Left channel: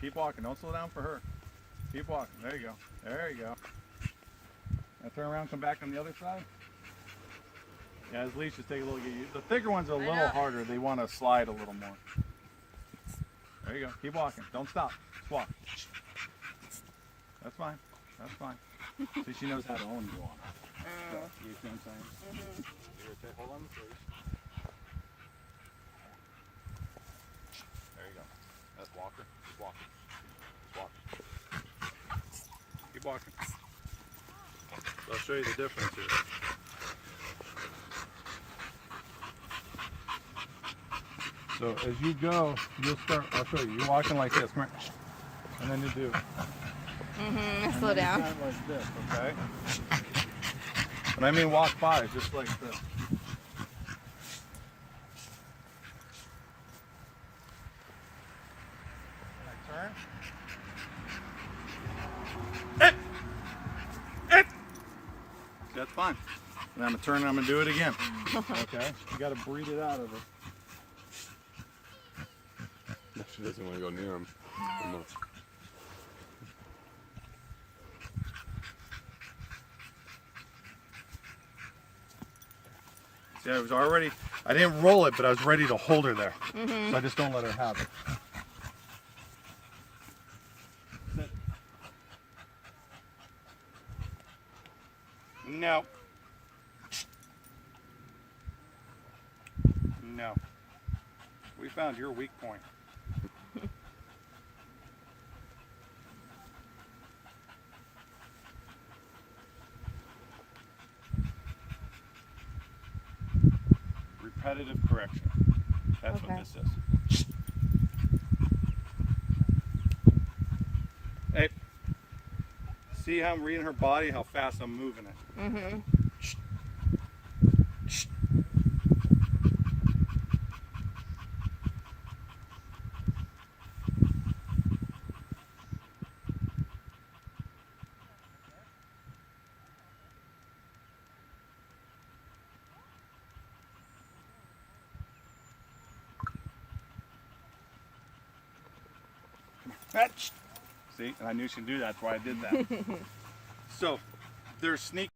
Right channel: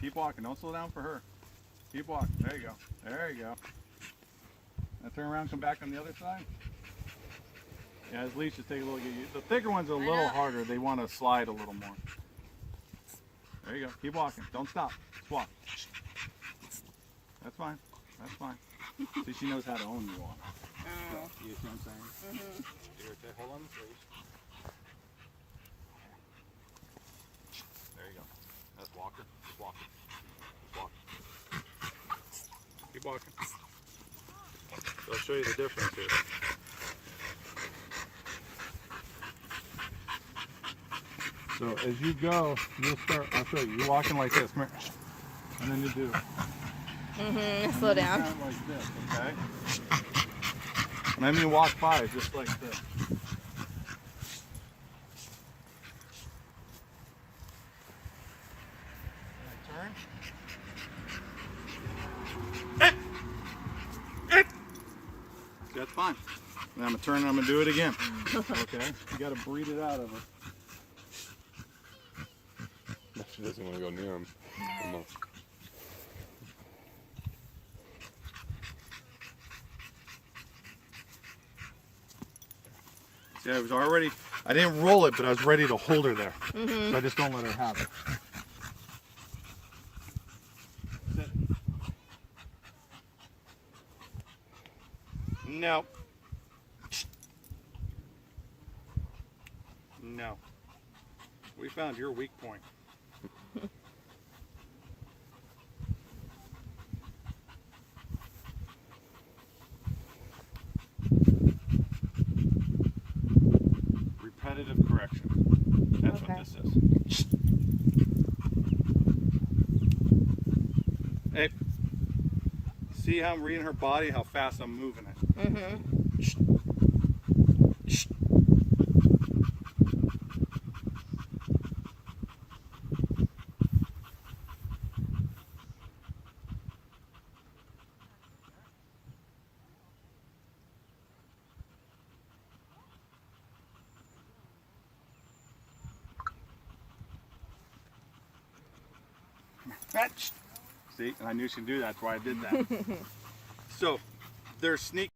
Keep walking. Don't slow down for her. Keep walking. There you go. There you go. Now turn around, come back on the other side. Yeah, his leash should take a little get used. The thicker ones are a little harder. They want to slide a little more. There you go. Keep walking. Don't stop. Just walk. That's fine. That's fine. See, she knows how to own the walk. You see what I'm saying? Here, hold on the leash. There you go. That's Walker. Keep walking. Keep walking. Keep walking. So I'll show you the difference here. So as you go, you'll start, I'll show you. You're walking like this. Come here. And then you do. Slow down. Like this, okay? And I mean walk by, just like this. Turn. That's fine. And I'm gonna turn and I'm gonna do it again. Okay? You gotta breathe it out of it. She doesn't want to go near him. See, I was already, I didn't roll it, but I was ready to hold her there. So I just don't let her have it. No. No. We found your weak point. Repetitive correction. That's Okay. what this is. Hey, see how I'm reading her body, how fast I'm moving it. See, and I knew she'd do that, that's why I did that. So, they're sneaky.